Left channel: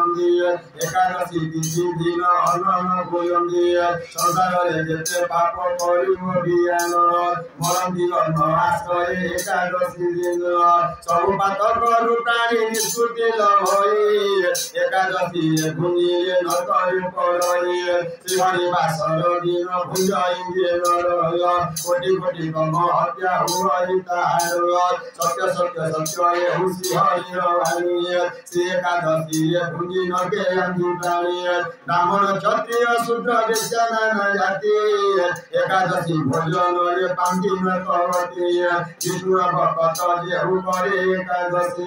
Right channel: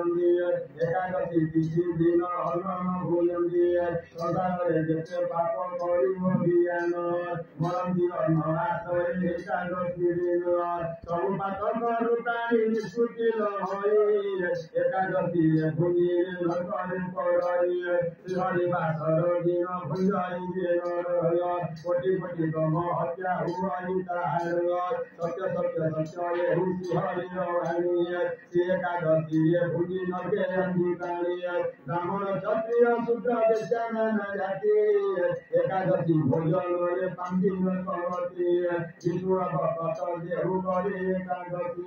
एकादशी तिथि दिन अन्न भोजन्ति संसार जेते पाप करिम बियान मरन्ति अन्न आश्रय एकादशी दिन सब पातक प्राणी निष्कृति लभई एकादशी भुंजिए न करि पड़ई श्रीहरि वासर दिन भुंजाइए नरय कोटि कोटि कम हत्या हुई तार सत्य सत्य सत्य हुसी हरि भानिए श्री एकादशी भुंजी नगे अंधि प्राणी ब्राह्मण क्षत्रिय शूद्र वैश्य नाना जाति एकादशी भोजन रे पांति न करती विष्णु भक्त जेहु करे एकादशी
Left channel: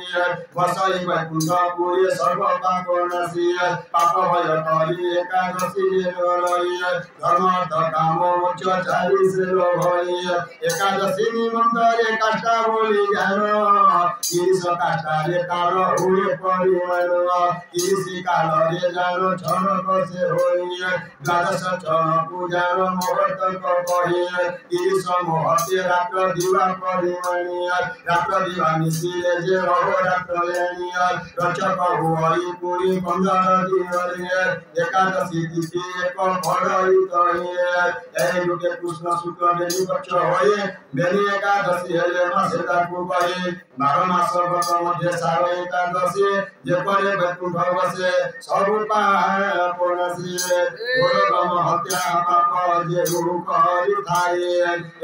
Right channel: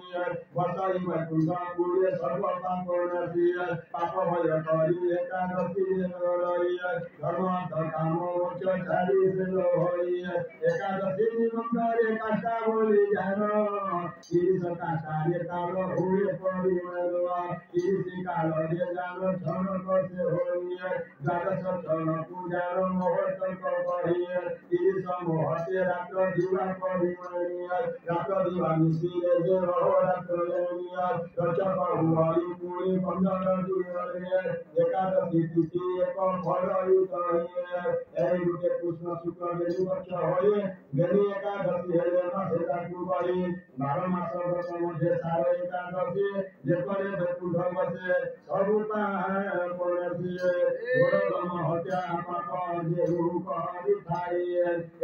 बसई वैकुंठ पुरी सर्व पाप नाशी पाप भय करी एकादशी रही धर्म अर्थ काम मोक्ष चारि से भई एकादशी निमंत्रे काष्ठा बोली ज्ञान ईश काष्ठा रे काल हुए परिमाण ईशी काल रे जानो क्षण कसे होई द्वादश क्षण पूजन मुहूर्त कही ईश मुहूर्ते रात्र दिवा परिमाणी रात्र दिवा मिशिले जे अहोरात्र लेनी रचक हुई पुरी 15 दिन एकादशी तिथि एक फलई कही लुटे कृष्ण शुक्ल बेली पक्ष होई बेली एकादशी हेले मासेता को कही 12 मास व्रत मध्ये सार एकादशी जे करे वैकुंठ बसे सब पाप नाशी गोरम हत्या पाप जे करी थाई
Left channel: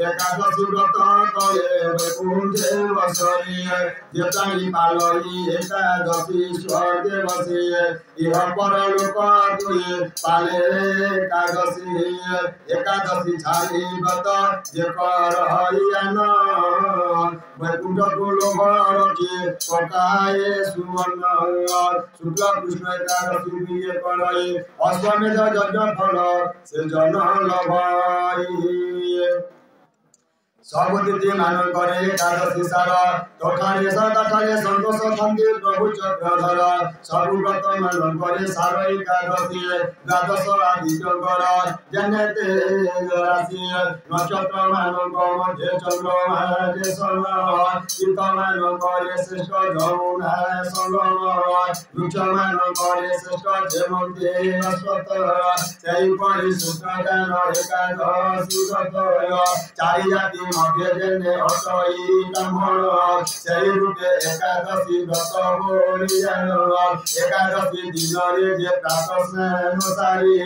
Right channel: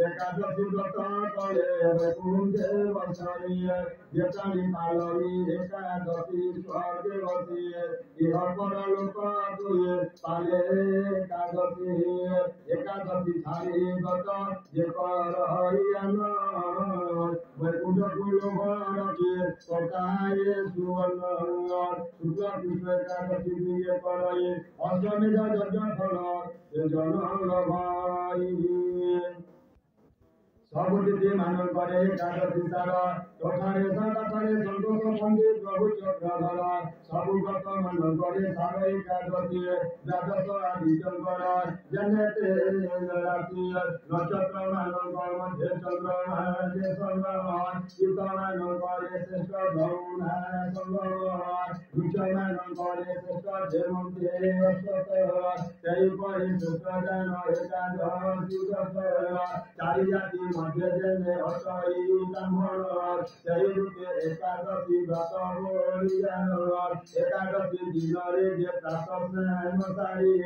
एकादशी व्रत करे वैकुंठे बसई जे ताई पालई एकादशी स्वर्गे बसे इह परलोक दुई पाले एकादशी छाड़ी व्रत जे कर हरियान वैकुंठ गोलोक रखी पकाए सुवर्ण शुक्ल कृष्ण एकादशी बिये करई अश्वमेध यज्ञ फल से जन लभाई सब तिथि मान करे एकादशी सार तठारे सठारे संतोष शांति प्रभु चक्रधर सब व्रत मान करे सार एकादशी द्वादश आदित्यकर जन्नते राशि नक्षत्र मान मध्य चंद्रमा जे सन चित्त मान करे श्रेष्ठ जमुना संगम वृक्ष मान करे श्रेष्ठ जेमंते अश्वत्थ सेई परि सूत्र ज्ञान एकादशी व्रत चारि जाति मध्य जने हटई ब्राह्मण सेई रूपे एकादशी व्रत बोली जान एकादशी दिन रे जे प्रातः स्नान सारी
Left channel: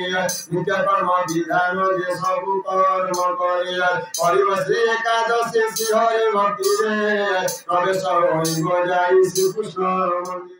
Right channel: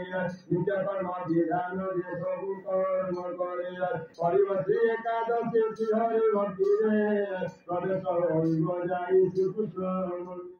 नित्य कर्म विधान जे सब कर्म करे परिव श्री एकादशी श्री हरि भक्ति रे प्रवेश होई जाई श्री कृष्ण मंदिर